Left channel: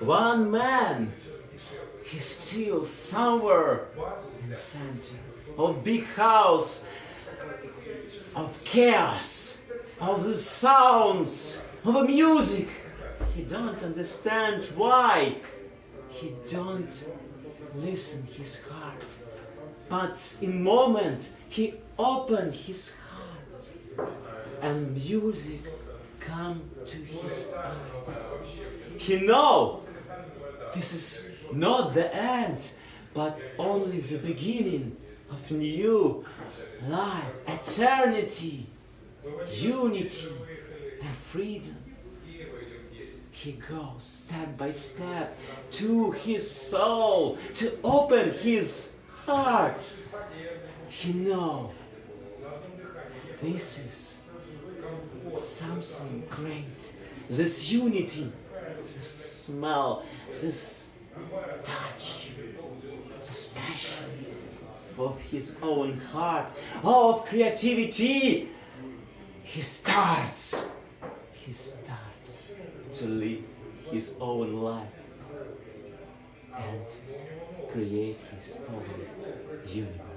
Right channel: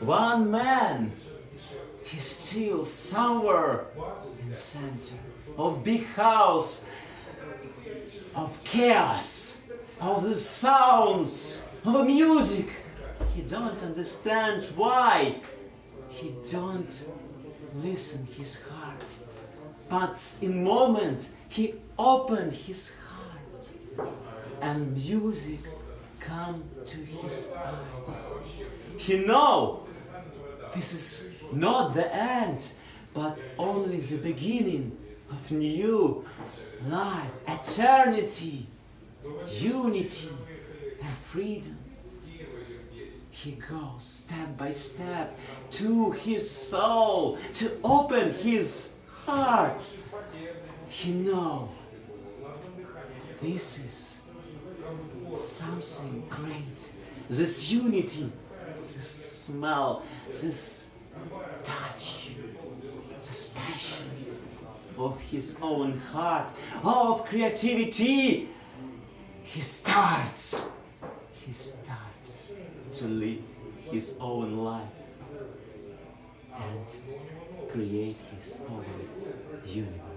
one man, he's still somewhere in the center of big house, of chaos, of the sounds, of the music. He don't understand why. He don't listen his heart. But in moment he opened his heart and music come to his eyes. He know this is not the end, but only the beginning of new life, eternity, unity and freedom. He goes step by step to his soul to open his heart. He knows this is something great. This unity, this smell, this touch, this passion of his own heart, of creativity. He starts to live his own life and create his own universe.